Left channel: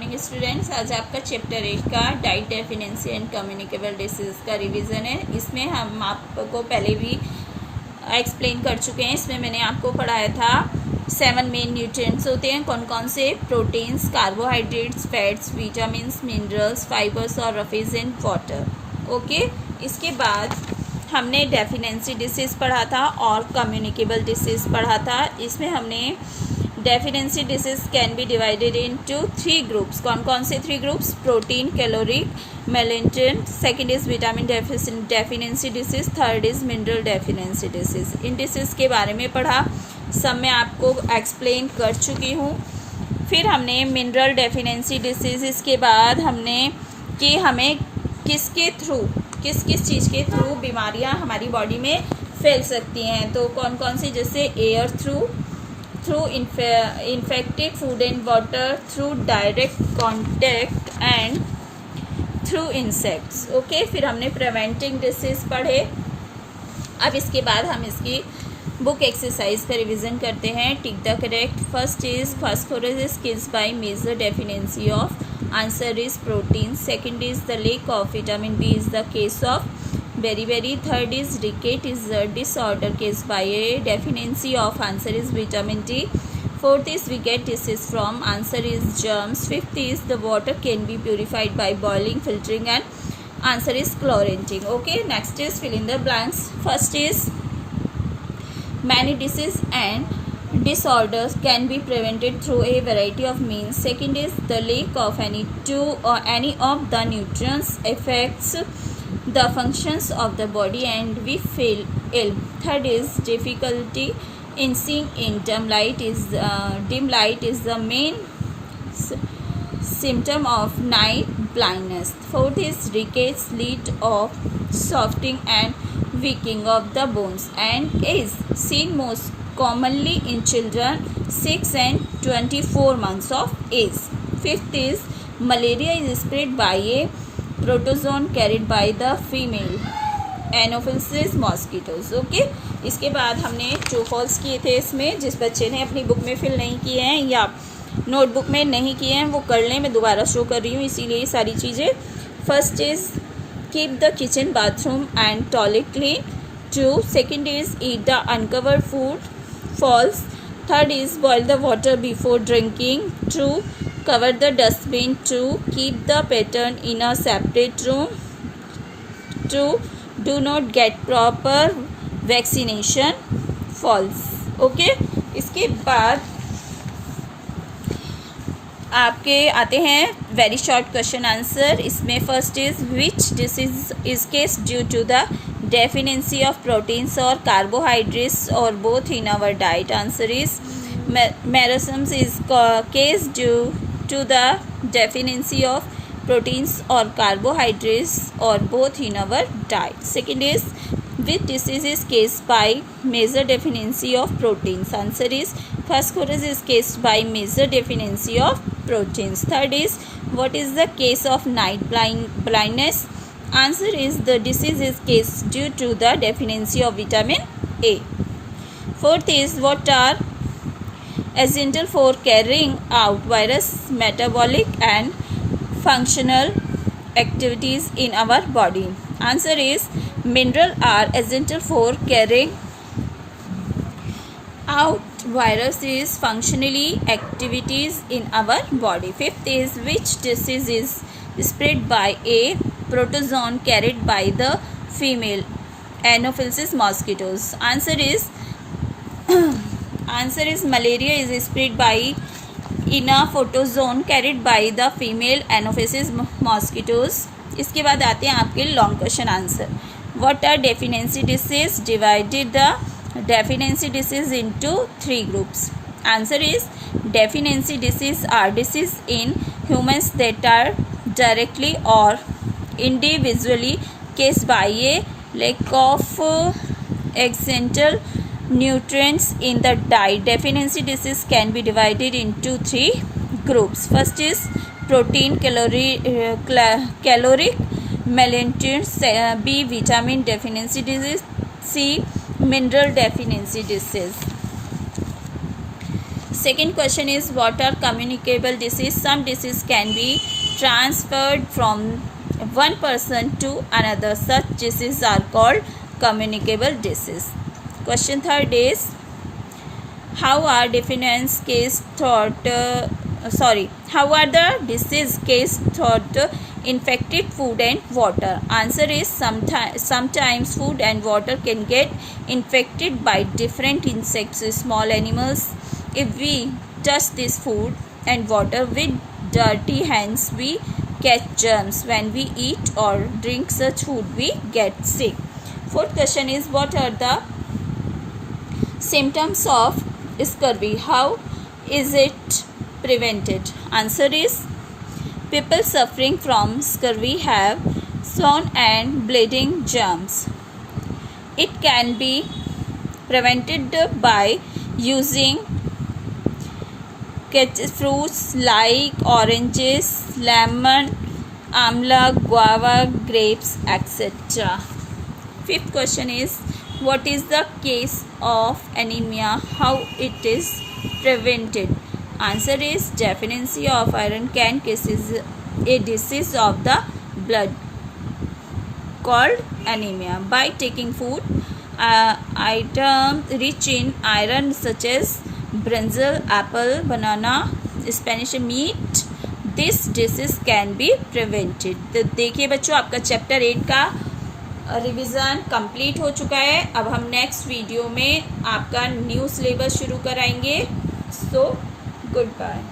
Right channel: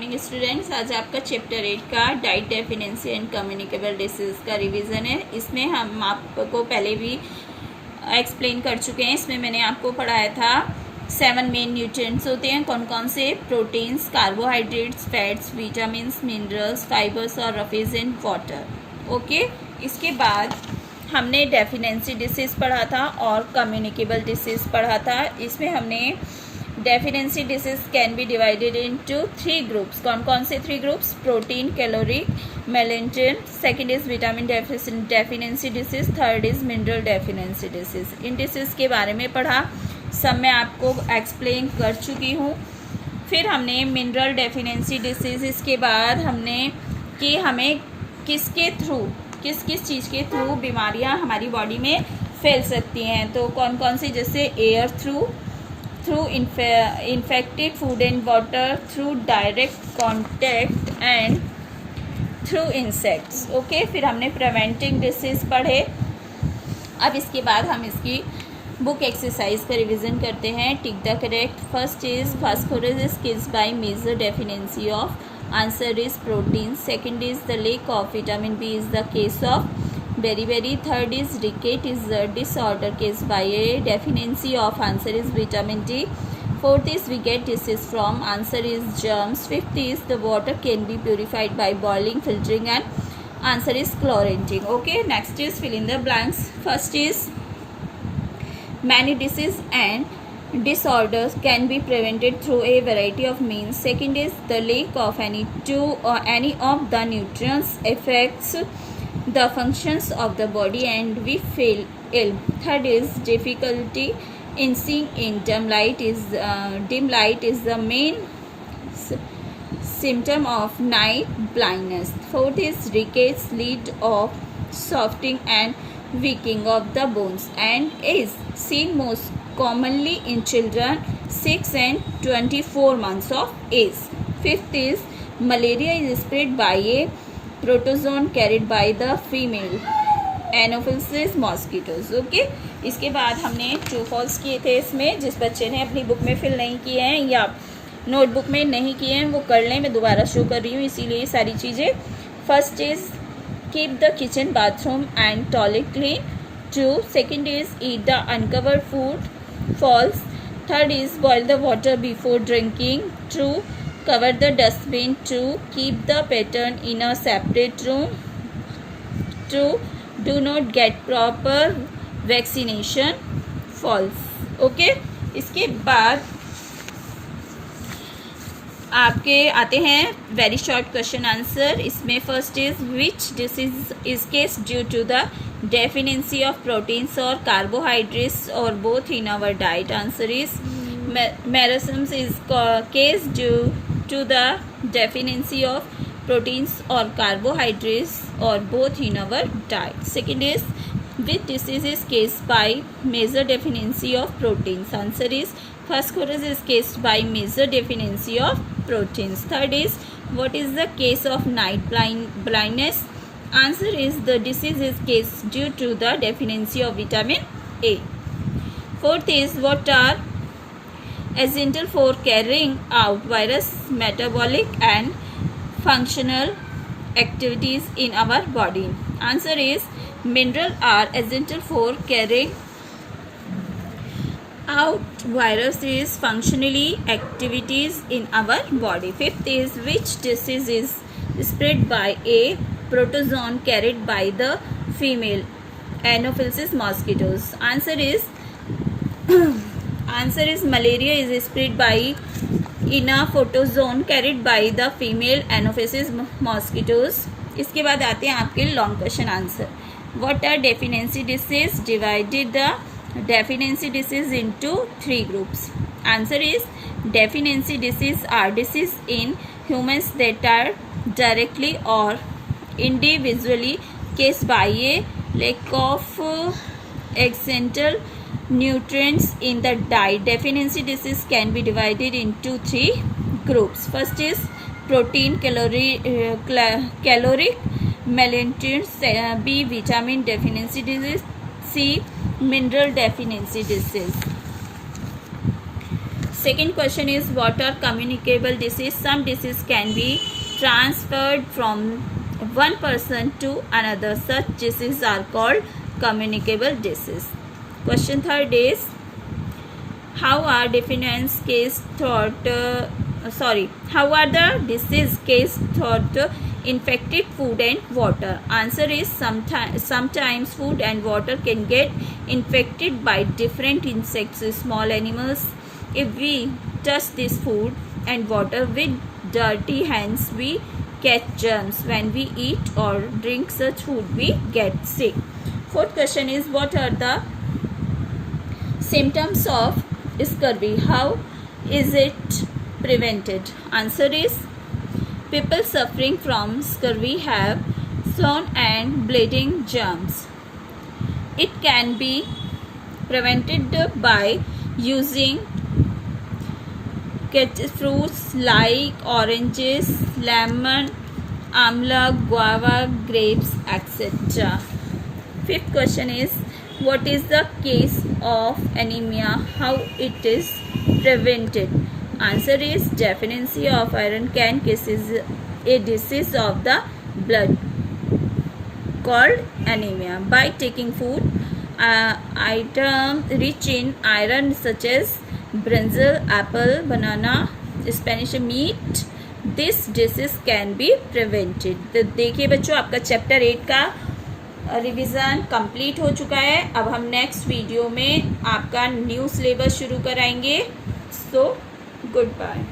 Morning students. आज आपका chapter 8 का डाइट डेफिनेंसी एंड कम्युनिकेबल डिसीज़ का रिवीजन है। इसमें हम आपको पहले भी एक्सप्लेन कर चुके हैं। इसमें मैंने आपको पढ़ाया था 7 मेन न्यूट्रिएंट्स होते हैं। कौन कौन से? Proteins, carbohydrates, fats, vitamins, minerals, fibres और रफीज एंड वाटर। ओके, इसके बाद हमने डेफिनेंसी डिसीज़ पढ़ा था और कम्युनिकेबल डिसीज़ पढ़ा था। इसमें हमने deficiency disease can be divided into 3 groups. कौन कौन से 3 ग्रुप्स? प्रोटीन, कैलोरिक, मेलेंटिन। Second is vitamin deficiency disease. Third is mineral deficiency disease. इन डिसीज के बारे में पढ़ा, सब मैं आपको एक्सप्लेन कर चुकी हूँ। फिर हमने मिनरल डेफिनेंसी डिसीज, इसके बाद हमने कि हमें किसके थ्रू, किस किस चीज़ के थ्रू बीमारियाँ हमारी बॉडी में फैल सकती हैं। तो कौन कौन सी? जैसे air through infected food and water, through direct contact and through insects. Okay, फिर हमने प्रिवेंटिंग डिसीज पढ़े। अब इसके बाद हम इसकी बुक एक्सरसाइज का रिवीजन करते हैं। Tick the correct. First is phosphorus is kills by major deficiency of. Answer is protein. Second is the lack of vitamin B is the case of beriberi. Third is ricket is a disorder caused by a deficiency of. Answer is vitamin D. Fourth is we get disease from. Answer is germs. Fifth is the water can be purified by boiling, filtering and. Answer is chlorating. Okay, next is fill in the blanks. First is many disease and disorders can be prevented through a variety of means. Second is the lack of any of the nutrients affects the functions of the body and we feel ill. Third is difficulty in seeing in dim light is the main symptom of night blindness. Fourth is rickets lead of softening and weakening of the bones and is seen most commonly in children 6 and 24 months of age. Fifth is malaria is spread by a protozoan carried by the female Anopheles mosquitoes. Okay, इसके बाद हमने true false किए थे। इसमें जिस बच्चे ने अपनी बुक में फिल नहीं किए हैं या नोटबुक में नहीं किए हैं वो कर लें। मैं दोबारा शो कर रही हूँ इसीलिए ये सारी चीज़ें। First is keep the kitchen, bathroom and toilet clean. True. Second is eat the uncovered food. False. Third is boil the water before drinking. True. Cover the dustbin. True. Keep the pattern in a separate room. True. Do not get proper vaccination. False. Okay. इसके बाद आपके आते हैं very short question answer. इसमें first is which disease is caused due to the deficiency of proteins और carbohydrates और both in our diet. Answer is marasmus is caused due to the deficiency of proteins or carbohydrates or both in our diet. Second is which disease is caused by major deficiency of proteins. Answer is phosphorus is caused by major deficiency of proteins. Third is what is the case of night blindness. Answer is the disease is caused due to the deficiency of vitamin A. Fourth is what are essential for carrying out various metabolic and functional activities in our body. Answer is minerals are essential for carrying out various functionally activities in our body. Fifth is which disease is spread by a protozoan carried by the female anopheles mosquitoes. Answer is malaria is spread by in a protozoan carried by the female anopheles mosquitoes. इसके बाद आते हैं आपके long question answer. What are deficiency disease? Divided the deficiency disease into 3 groups. Answer is deficiency disease are disease in humans that are directly or individually caused by a lack of essential nutrients in the diet. Deficiency disease can be divided into 3 groups. First is protein, caloric, melentin. B vitamin deficiency disease. C mineral deficiency disease. Second question is, what are communicable disease? Some disease can be transferred from one person to another. Such diseases are called communicable disease. Question third is, how are the disease case thought infected food and water? Answer is, sometimes food and water can get infected by different insects, small animals. If we touch this food and water with dirty hands, we catch germs. When we eat or drink such food, we get sick. Fourth question is, what are the symptoms of scurvy? How is it prevented? Answer is, people suffering from scurvy have swollen and bleeding germs. It can be prevented by using fruits like oranges, lemon, amla, guava, grapes, etc. Fifth question is, what is the cause of anemia? How it is prevented? Answer is, deficiency of iron can cause a disease of the blood called anemia. By taking food items rich in iron such as brinjal, apple, banana, Spanish meat, this disease can be prevented. तो देखिए बच्चों, आपका chapter 8 का revision complete हो चुका है. अब हम नेक्स्ट वीडियो में आपका न्यू सिलेबस शुरू कराएंगे. So good bye.